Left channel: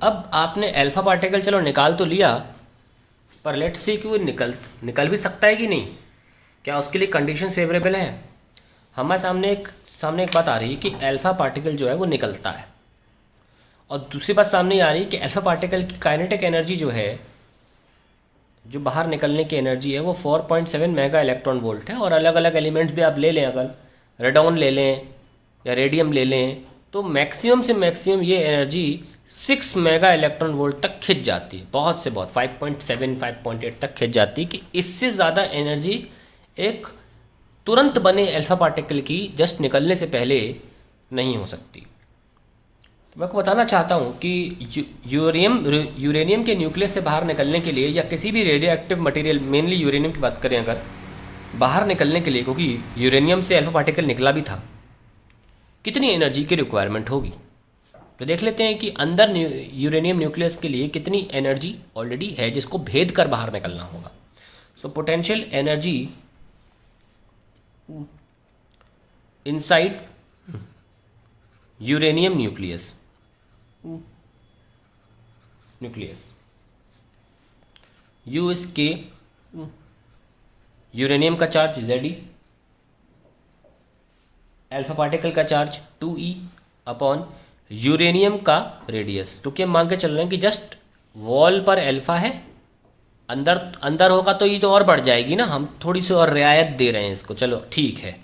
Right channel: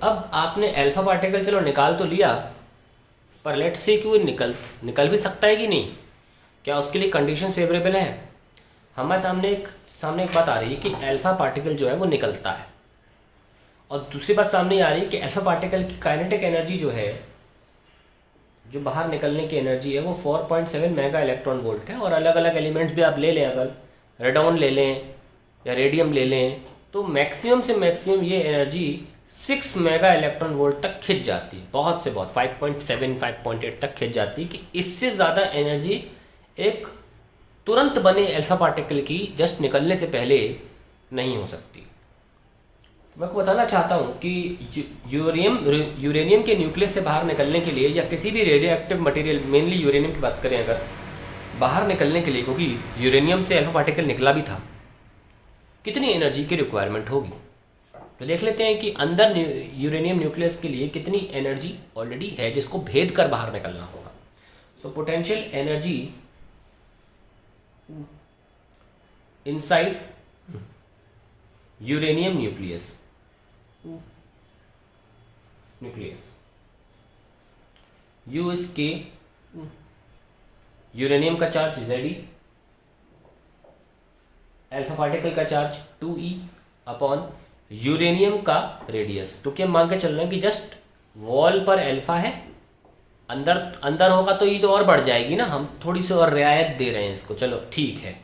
अब आपने alpha particle चलो निकाल तो लिया, पर लेट्स से कि वो निकल निकल भी सकता है कि नहीं, क्या उसके लिए कंडीशन फेवरेबल है? हमारे सामने एक बात आ रही है कि अल्फा पार्टिकल जो है वो निकलता है, और दूसरी बात सामने आ रही है कि अल्फा पार्टिकल की काइनेटिक एनर्जी जो है, जो बाहर निकलने की एनर्जी है वो 4.7 मेगा इलेक्ट्रॉन वोल्ट है। और अलग अलग एलिमेंट्स भी आप ले लें, अगर रेडॉन ले लें या रेडियम ले लें, तो मैक्सिमम से मैक्सिमम ये एनर्जी 6 मेगा इलेक्ट्रॉन वोल्ट तक खिंच जाती है, बहुत से बहुत 5.7 5.8 तक खिंच जाती है, कि इससे ज़्यादा एनर्जी एक तुरंत बने अल्फा पार्टिकल की जस्ट निकलने से पहले नहीं हो सकती। मैं आपको बताना चाहता हूँ कि यूरेनियम के न्यूक्लियस से बाहर निकलने के लिए, या किसी भी radio active material, mainly uranium की बात करें अगर, बाहर निकलने के लिए, क्योंकि यूरेनियम से अल्फा पार्टिकल निकला भी था, कितनी एनर्जी की रिक्वायरमेंट होगी। तो देख लेते हैं कि अंदर यूरेनियम न्यूक्लियस के लिए कितनी एनर्जी ऑलरेडी है जिसको भेद कर बाहर निकलना होगा। So potential energy inside uranium nucleus you इस के, यूरेनियम का चार्ज जेड, अल्फा पार्टिकल का चार्ज 2e अपॉन यूरेनियम का रेडियस। क्योंकि हम मान के चल रहे हैं कि जस्ट वॉल पर अल्फा है, अंदर अंदर होगा तो ये तो और बढ़ जाएगी ना, हम थोड़ी सी और रियायत दे रहे हैं इसको, चलो ठीक है,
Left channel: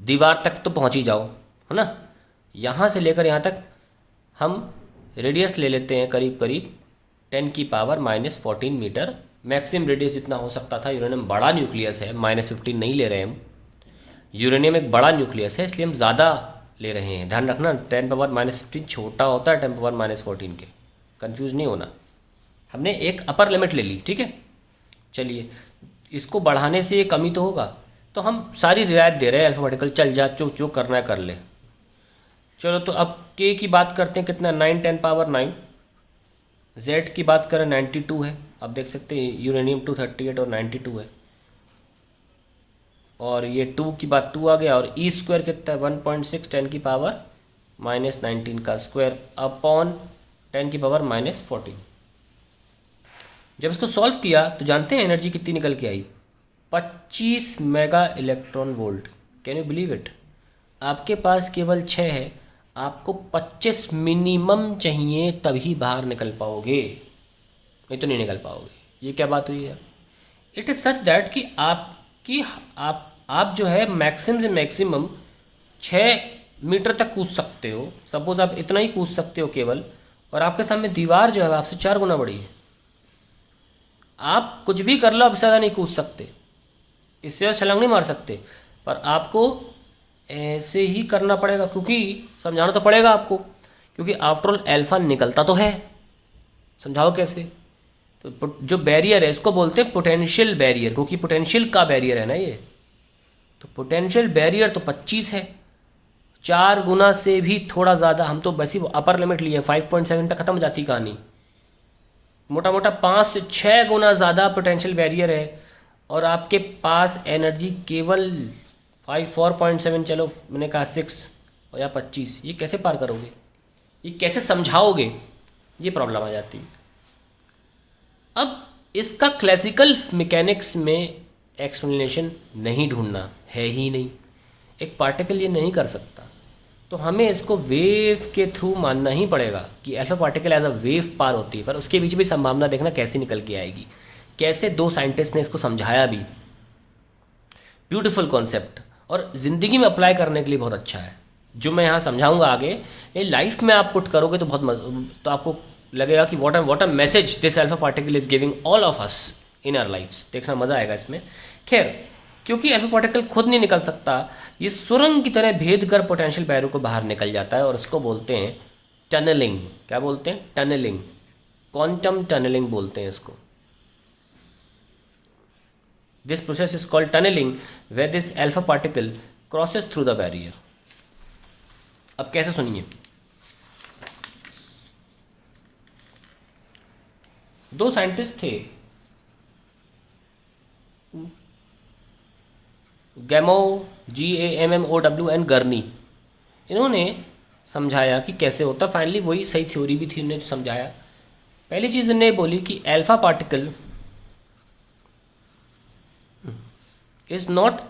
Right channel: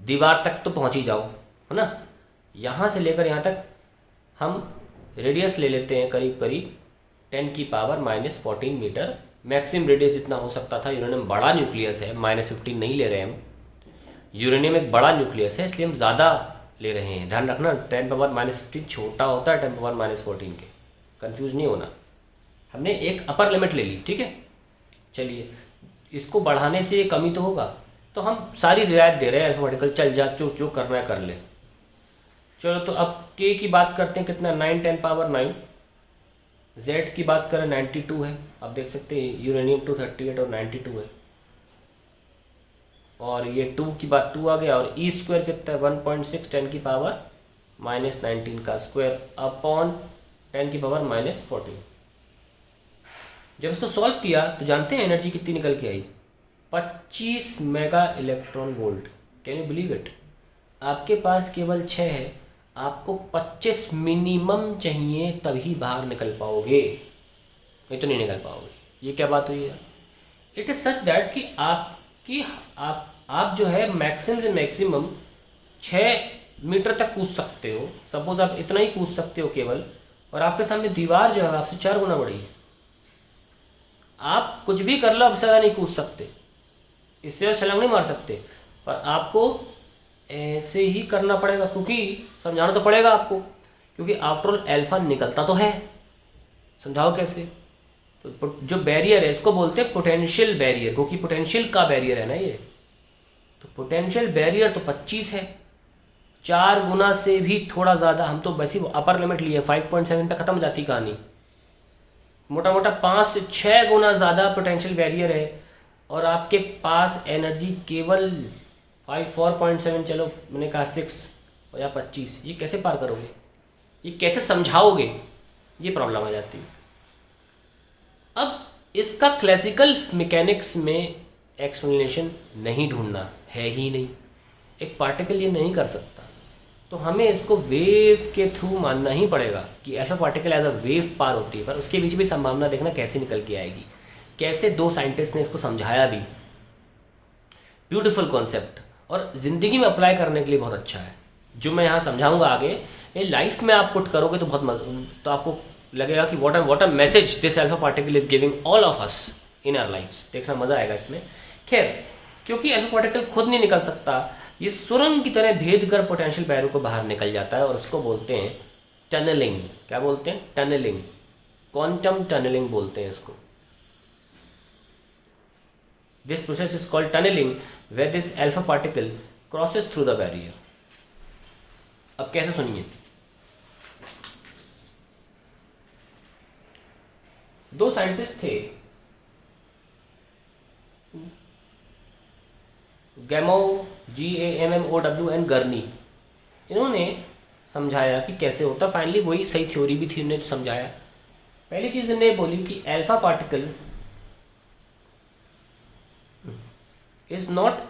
दीवार तक तो पहुंच ही जाओ, है ना। यहाँ से लेकर यहाँ तक हम रेडियस ले लेते हैं करीब करीब 10⁻⁻14 मीटर, मैक्सिमम रेडियस जितना हो सकता था। यूरेनियम बड़ा न्यूक्लियस है, -15 नहीं ले रहे हैं हम, यूरेनियम एक बड़ा न्यूक्लियस है इसलिए हम ज़्यादा ले रहे हैं। ध्यान रखना 10⁻⁻15 छोटा होता है 10⁻⁻14 के, कंफ्यूज नहीं होना। हमने एक अपर लिमिट ले ली, ठीक है। चलिए, इसको बढ़ाने से ये कमी तो होगा, तो हम सारी रियायत दे रहे हैं अल्फाबेटिकल, चल जा, जो जो करना है कर ले। चलो, तो अब के की बात करते हैं, कितना 9 × 10⁻⁹। जेड की बात करें 92 है, आप देख सकते हैं यूरेनियम 238 और 92 है। और ये 2 की बात 2 आ गया, और ई स्क्वायर कितना है 1.6 10⁻⁻19 का स्क्वायर अपॉन 10⁻⁻14। जब इसको सॉल्व किया तो जानते हैं एनर्जी कितनी निकल के आई, 25 mega electron volt. Can you believe it? आपके पास केवल 6 है, आपको 25 मिनिमम चाहिए तभी बाहर निकल पाओगे, नहीं तो नहीं निकल पाओगे। ये क्या बात हुई है? इट इज़ सच दैट कि आप जो है मैक्सिमम से मैक्सिमम 6 मीटर तक कूद सकते हो, सपोज आप इतना ही कूद सकते हो केवल, और आपके सामने दीवार जो है आपसे 4 गुना बड़ी है। आप कुछ भी कर लो, अब ज़्यादा नहीं कूद सकते, इससे ज़्यादा छलांग नहीं मार सकते, पर आपको ऐसे ही करना पड़ेगा, क्योंकि समझाना तो पड़ेगा आपको, क्योंकि आफ्टरऑल अल्फा निकलता तो है। समझाओ कैसे? तो जो बैरियर है इसको बोलते हैं पोटेंशियल बैरियर, क्योंकि पोटेंशियल का बैरियर है ना ये। तो पोटेंशियल बैरियर तो 25 है, 4 गुना से भी थोड़ा ज़्यादा। हम तो वैसे अपर लिमिट लिए 5.7 पे ख़त्म हो जाती कहानी। मोटा मोटा 5 से 6 गुना ज़्यादा पोटेंशियल बैरियर है, और आपके पास एनर्जी केवल 4.7, चलो मैंने कहा 6 या 25। ये कैसे पार करोगे? ये कैसे समझाओगे? ये प्रॉब्लम आ जाती है। अब इसका क्लासिकल मैकेनिक्स में एक्सप्लेनेशन नहीं ढूंढना है ही नहीं, एक पार्टिकल ये नहीं कर सकता, तो हमें इसको वेव के थ्रू मानना ही पड़ेगा कि alpha particle as a wave पार होती है। पर उसके बीच भी संभावना देखना कैसे निकल के आएगी, कैसे 2 साइंटिस्ट ने इसको समझाया भी। ब्यूटीफुल कॉन्सेप्ट, और ज़िंदगी में अप्लाई करने के लिए बहुत अच्छा है। जो मैं यहाँ समझाऊंगा आगे, ये लाइफ में आप पुट करोगे तो तो आपको लगेगा कि what a message this alpha particle is giving all of us in our lives. देखना मज़ा आएगा इसमें। खैर, क्योंकि अल्फा पार्टिकल खुद नहीं निकल सकता, ये सुरंग की तरह भेद कर पोटेंशियल बैरियर को बाहर निकल जाता है, और उसको बोलते हैं टनलिंग। क्या बोलते हैं? टनलिंग, क्वांटम टनलिंग बोलते हैं इसको। This process is called tunnelling, where this alpha particle crosses through the barrier। अब कैसे सुनिए, 2 साइंटिस्ट थे, गैमो GAMMOW एंड गर्नी। इन्होंने समझाया कि कैसे होता, फाइनली वही सही थ्योरी भी थी, उन्होंने तो समझाया। पहली चीज़ उन्होंने बोली कि alpha particle is not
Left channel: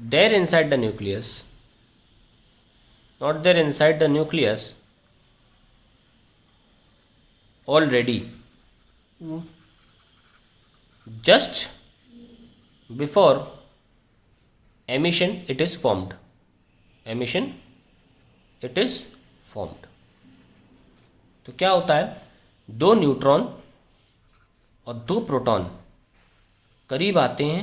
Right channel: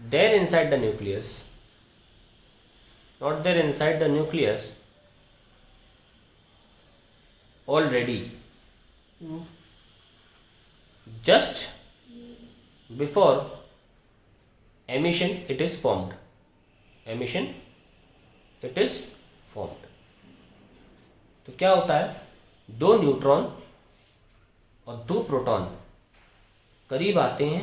there inside the nucleus, not there inside the nucleus already, just before emission it is formed, emission it is formed। तो क्या होता है, दो न्यूट्रॉन और दो प्रोटॉन करीब आते हैं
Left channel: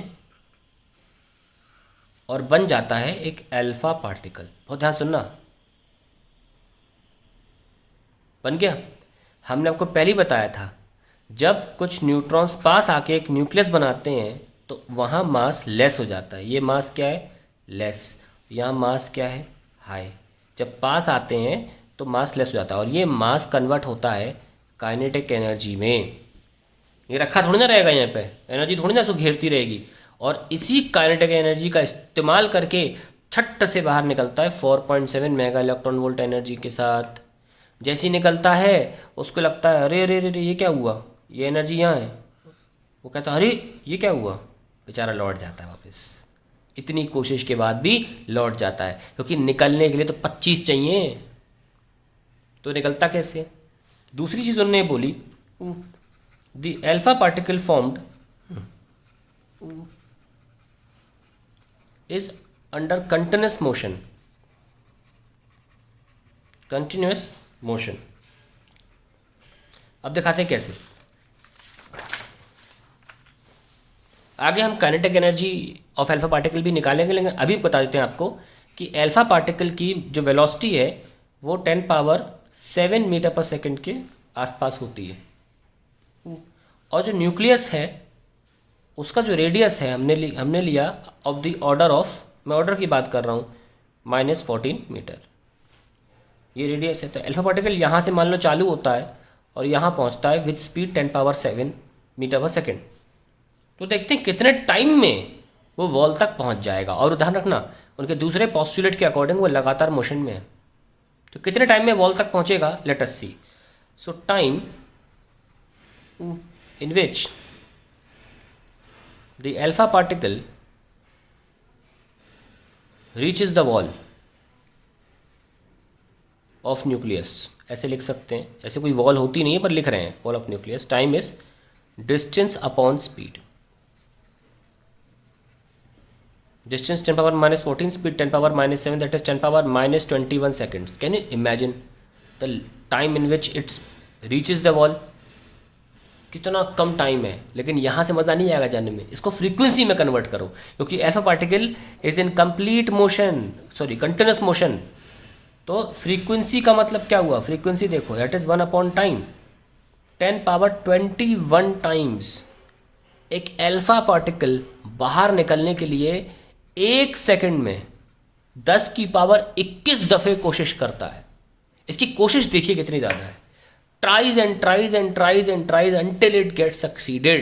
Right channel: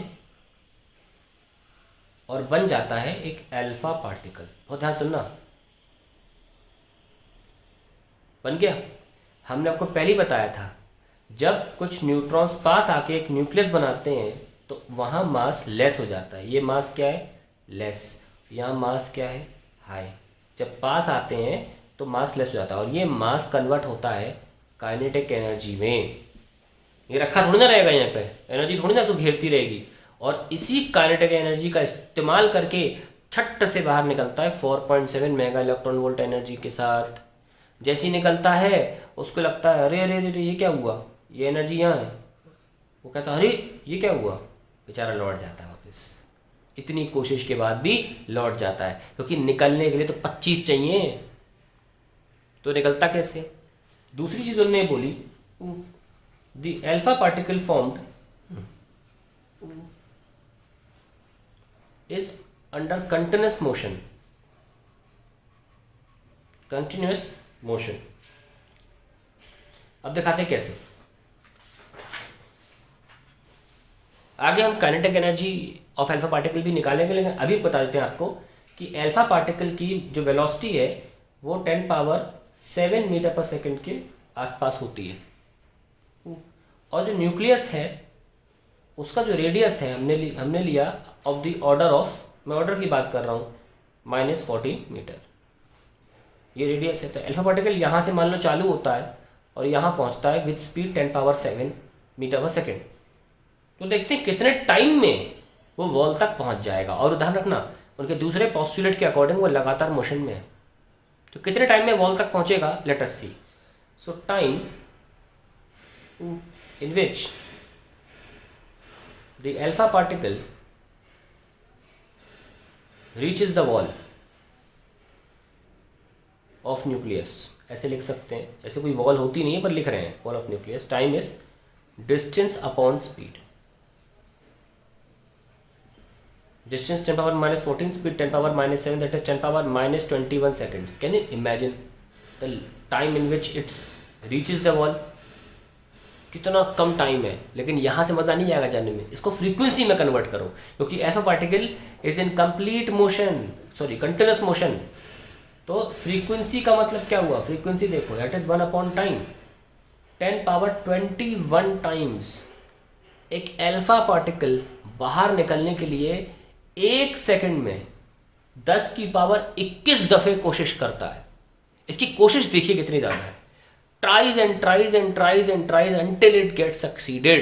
और बन जाता है एक अल्फा पार्टिकल। बहुत ध्यान सुनना, बन गया। हमने आपको पहले ही बताया था, जब कुछ न्यूट्रॉन्स पास आके एक न्यूक्लियस बनाते हैं तो वहाँ मास लेस हो जाता है। ये मास क्या है, लेस। यहाँ मास क्या है, हाई। जब पास आते हैं तो मास लेस हो जाता है और ये मास कन्वर्ट होता है काइनेटिक एनर्जी में। ये रखा थोड़ी ना रहेगा यहाँ पे, एनर्जी थोड़ी ना उसको घेरती रहेगी। और इसी काइनेटिक एनर्जी का इस्तेमाल करके छट से बाहर निकलता है 4.7 मेगा इलेक्ट्रॉन वोल्ट एनर्जी के साथ। जैसे ही निकलता है उसको लगता है अरे अरे अरे ये क्या हुआ, ये एनर्जी यहाँ है। वो कहता है अरे ये क्या हुआ, बेचारा लौट जाता है वापस। इतनी कोशिश के बाद भी लौट जाता है, क्योंकि निकलने के लिए तो 25 चाहिए, तो निकलता कैसे। दूसरी चीज़ उन्होंने बोली, the alpha particle formed is under continuous motion, continuous motion. अब दिखाते हैं कैसे। आगे हम kinetic energy of alpha particle भी निकालेंगे, लेकिन अभी बता देते हैं आपको कि अल्फा पार्टिकल की जो वेलोसिटी है वो 10⁻7 मीटर पर सेकंड के आसपास होती है। और जो न्यूक्लियस है उसका जो रेडियस है हमने लिया ऑफ द ऑर्डर ऑफ, मैं ऑर्डर की बात कर रहा हूँ, -14 मीटर ये रेडियस है। तो अल्फा पार्टिकल यहाँ से मान लो चालू होता है और यहाँ पहुँचता है विद स्पीड 10⁻7 मीटर पर सेकेंड। तो देखते हैं कितने टाइम में वो वॉल तक पहुँच जाएगा। और ध्यान रखना, उनके दूसरे पोस्टुलेट के अकॉर्डिंग वो लगातार मोशन में है, तो कितने टाइम में वॉल तक पहुँचेगा, let us see. So time in which the alpha particle reaches the wall of nucleus, ऐसे लिख सकते हैं। ऐसे कोई वॉल होती नहीं है पर लिख रहे हैं wall of nucleus. Time is distance upon speed. Distance 10⁻14, speed 10⁻7, that is 10⁻21 seconds। Can you imagine the time in which it's reaches the wall, कितना कम टाइम है। लेकिन यहाँ से मज़ा नहीं आएगा जानने में, इसको फ्रीक्वेंसी में कन्वर्ट करो, क्योंकि alpha particle is in complete motion, sorry continuous motion. तो फ्रीक्वेंसी का मतलब क्या हुआ, फ्रीक्वेंसी देखो, दैट इज 1/टाइम, 10⁻21 टाइम्स। एक अल्फा पार्टिकल बाहर निकलने के लिए 1 सेकंड में 10⁻21 दफ़े कोशिश करता है। इसकी कोशिश देखिए कितनी ज़्यादा है। tries and tries and tries and tries until it gets succeeded।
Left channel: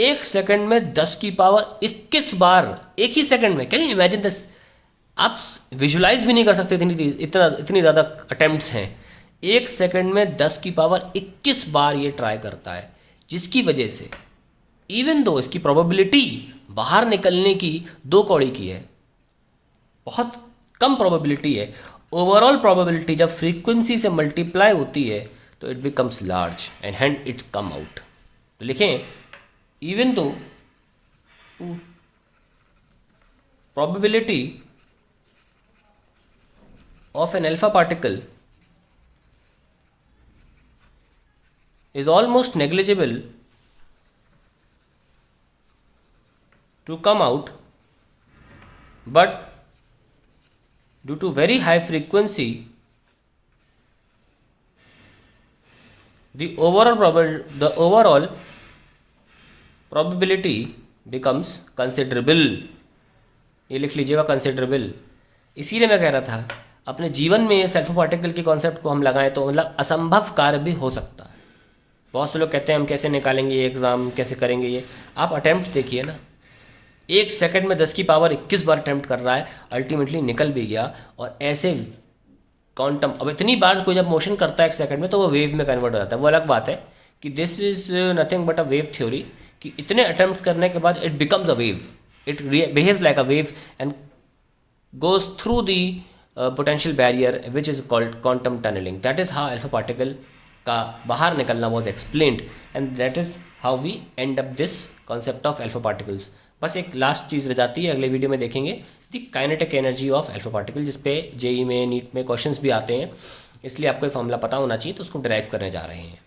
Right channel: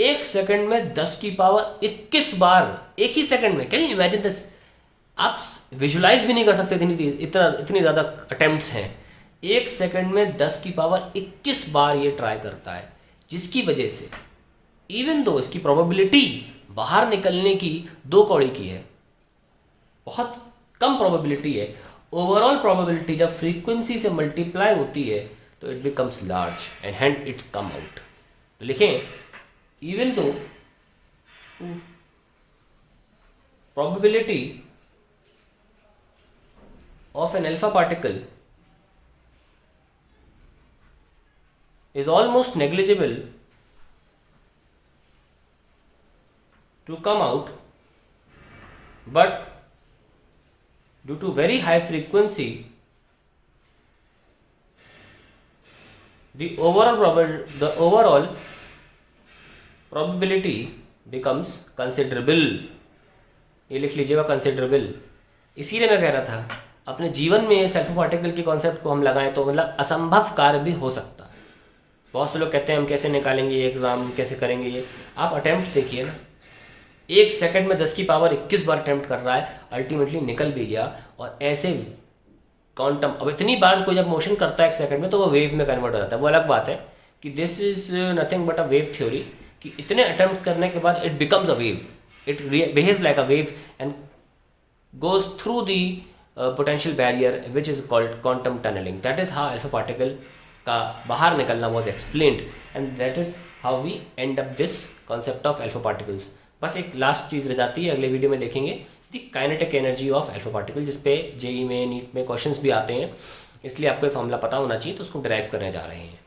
1 second में 10⁻21 बार, एक ही सेकंड में। कैन यू इमेजिन दिस, आप विजुलाइज भी नहीं कर सकते, इतनी ज़्यादा अटेम्प्ट्स हैं। 1 सेकंड में 10⁻21 बार ये ट्राई करता है, जिसकी वजह से इवन दो इसकी प्रोबेबिलिटी बाहर निकलने की 2 कौड़ी की है, बहुत कम प्रोबेबिलिटी है। ओवरऑल प्रोबेबिलिटी जब फ्रीक्वेंसी से मल्टीप्लाई होती है तो it becomes large and hence it's come out. तो लिखें, even though probability of an alpha particle is almost negligible to come out, but due to very high frequency the overall probability becomes considerable। ये लिख लीजिएगा, considerable। इसीलिए मैं कह रहा था अपने जीवन में ये अल्फा पार्टिकल की कॉन्सेप्ट को हम लगाएं तो मतलब असंभव कार्य भी हो सकता है। बहुत से लोग कहते हैं हम कैसे निकालेंगे ये एग्ज़ाम, कैसे करेंगे ये। आप अटैम्प्ट देखिए ना, 1 सेकंड में 10⁻21 बार अटैम्प्ट कर रहा है, अल्टीमेटली निकल भी गया। और ऐसे क्वांटम, अब इतनी बार कोई जब मोशन करता है एक सेकंड में तो वो वेव में कन्वर्ट हो जाता है, वो अलग बात है कि this is nothing but a wave theory, कि इतने अटेम्प्ट करने के बाद it becomes a wave, it behaves like a wave and goes through the potential barrier which is called quantum tunneling. That is how alpha particle का बाहर निकलना was explained and that is how we end up this concept of alpha particles. बस एक last चीज़ रह जाती है, अगले video में देखेंगे दी kinetic energy of alpha particle, जिस पे जेई में नीट में क्वेश्चंस भी आते हैं, इसलिए आपको ये फॉर्मूला पता होना चाहिए, तो उसको डिराइव करने जा रहे हैं।